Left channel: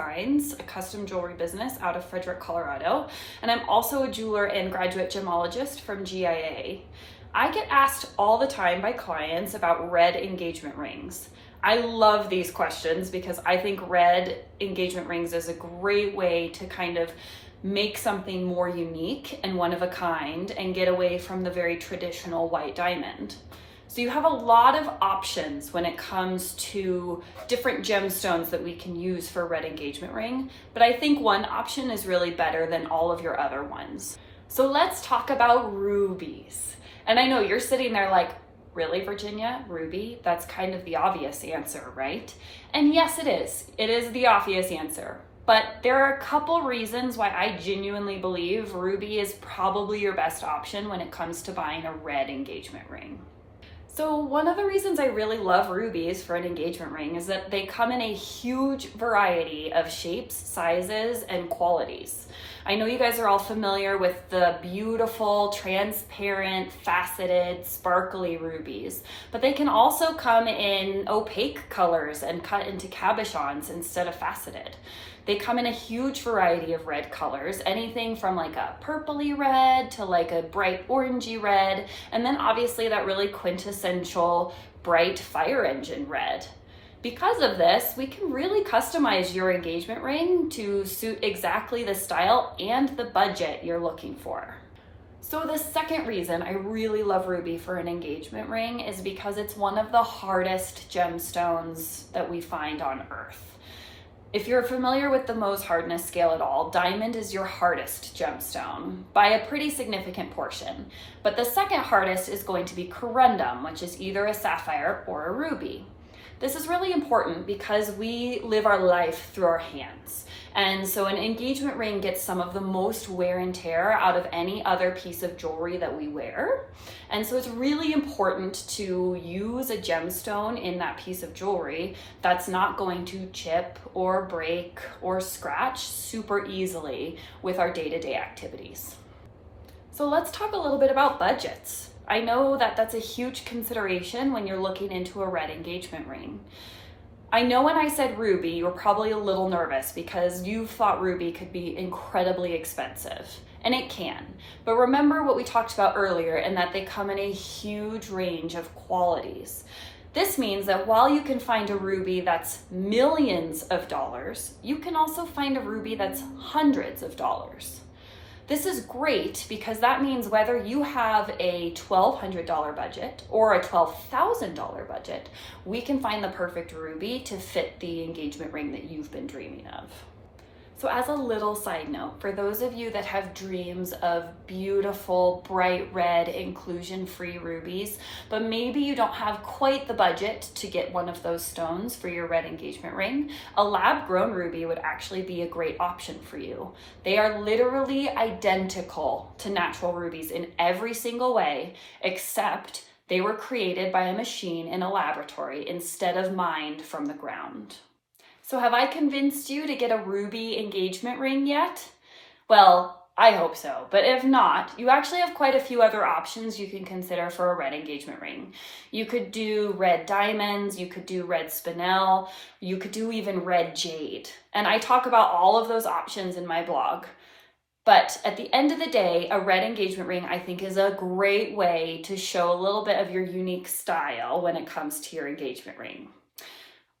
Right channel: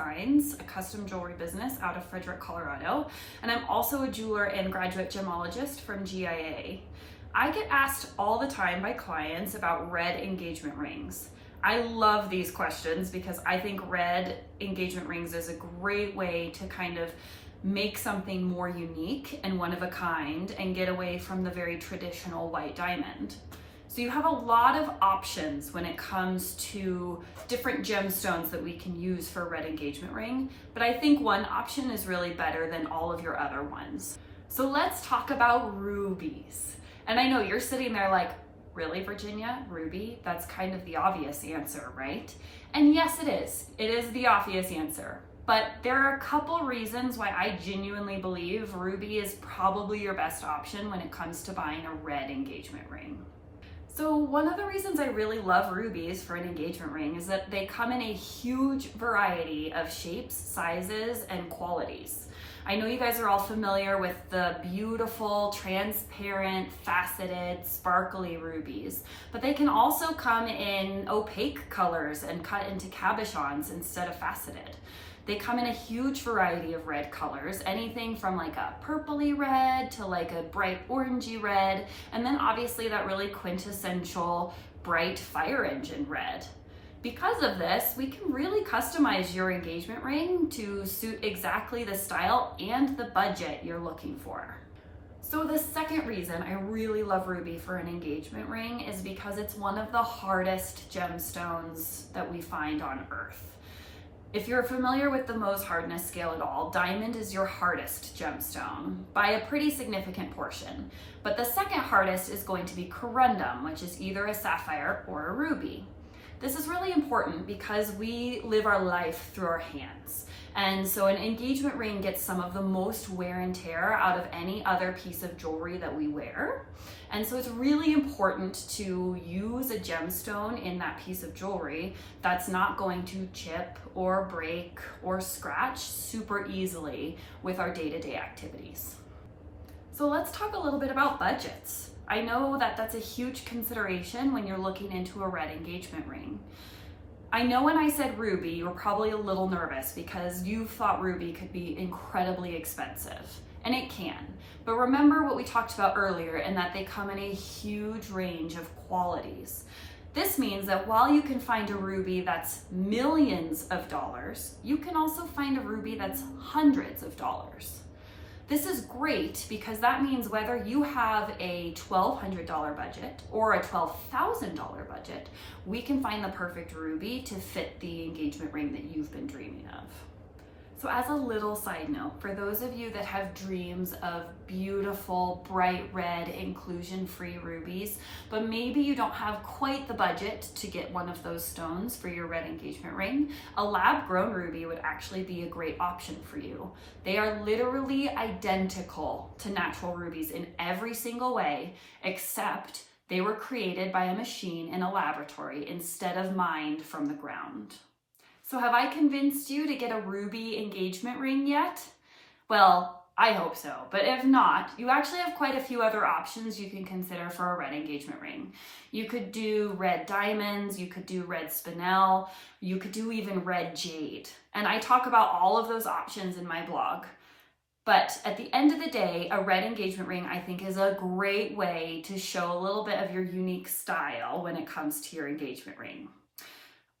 Designs, a custom jewelry business out of Frederick, Colorado, and I'm also a jeweler and graduate gemologist from GIA. I get asked all the time by clients about red engagement rings. I love these questions because I think red engagement rings is a great way to kind of make something more unique and one of a kind and get away from the very traditional white diamond. So you have a lot of options when it comes to different gemstones that we can use for a red engagement ring, but I think one option is really better than all of your other ones. So let's talk about rubies. And I know you're sitting there like, really, Virginia? Ruby? That's kind of the obvious answer, right? And yes, it is. It is the obvious answer. But there are a couple reasons why I genuinely believe ruby is probably your best option when it comes to buying a red engagement ring. So one of the reasons I really love rubies for an engagement ring is that they come in a huge variety of shapes, sizes, and qualities. I know you guys are all familiar with the beautiful, transparent, faceted, sparkly rubies, but they can also come in opaque colors and cut into cabochons instead of faceted. They come in a huge variety of red colors, anything from like a purpley red to like a bright orangey red, and then obviously that really quintessential bright fire engine red. Because of this, we can really customize your engagement ring to suit exactly the style and the budget you're looking for. So the second reason I really love ruby for an engagement ring is because it's one of the hardest gemstones that we find on Earth. If you're familiar with the Mohs hardness scale at all, diamond is your hardest gemstone by a pretty significant portion. But the second hardest is going to be corundum, which is either a sapphire or a ruby. This is really important because we live our life through our hands. And so an engagement ring gets some of the most wear and tear out of any other piece of jewelry that we wear. And so it's really important to use a gemstone in that piece of jewelry that's not going to chip or break or scratch super easily with our day-to-day activities. So let's talk a little bit about budgets. I know that that's a huge consideration when you're looking into a red engagement ring. I know when I said ruby, you were probably a little nervous because you thought ruby could be incredibly expensive, and it can. But remember what we talked about earlier, and that they come in a huge range of qualities. This means that while you can find a ruby that's millions of dollars, you can also find a ruby that's hundreds of dollars. This is great because that means whether you have a $1,200 budget or a $12,000 budget, we can find the perfect ruby to fit the engagement ring that you've been dreaming of. So as a little side note, for those of you that have dreams of beautiful, bright red, inclusion-free rubies, but maybe you don't have quite the budget to get one of those stones for your red engagement ring, a lab-grown ruby would actually be a great option for you. They are literally identical to natural rubies in every single way, except they were created by a machine in a laboratory instead of mined from the ground. So have I convinced you to get a ruby engagement ring yet? Well, I hope so, but if not, you actually have quite a few other options you can consider for a red engagement ring. You could do red diamonds, you could do red spinel, you could do even red jade. And I talk about all of those options in my blog. But at the end of the day, a red engagement ring I think is a great way to show a little bit of your unique style when it comes to your engagement ring.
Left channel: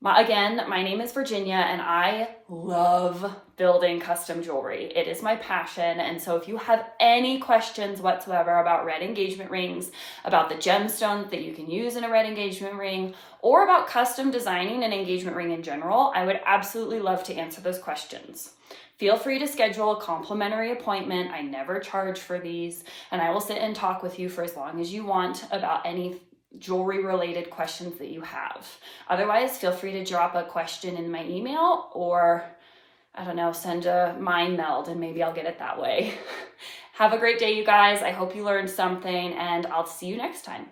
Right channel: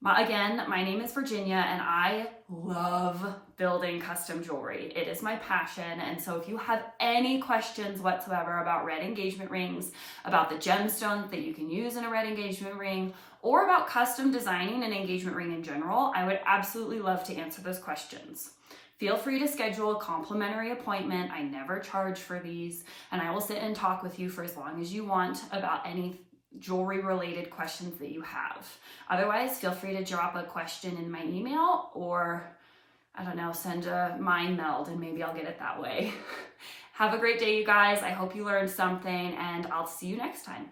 Again, my name is Virginia and I love building custom jewelry. It is my passion. And so if you have any questions whatsoever about red engagement rings, about the gemstones that you can use in a red engagement ring, or about custom designing an engagement ring in general, I would absolutely love to answer those questions. Feel free to schedule a complimentary appointment. I never charge for these, and I will sit and talk with you for as long as you want about any jewelry related questions that you have. Otherwise, feel free to drop a question in my email or, I don't know, send a mind meld and maybe I'll get it that way. Have a great day, you guys. I hope you learned something and I'll see you next time.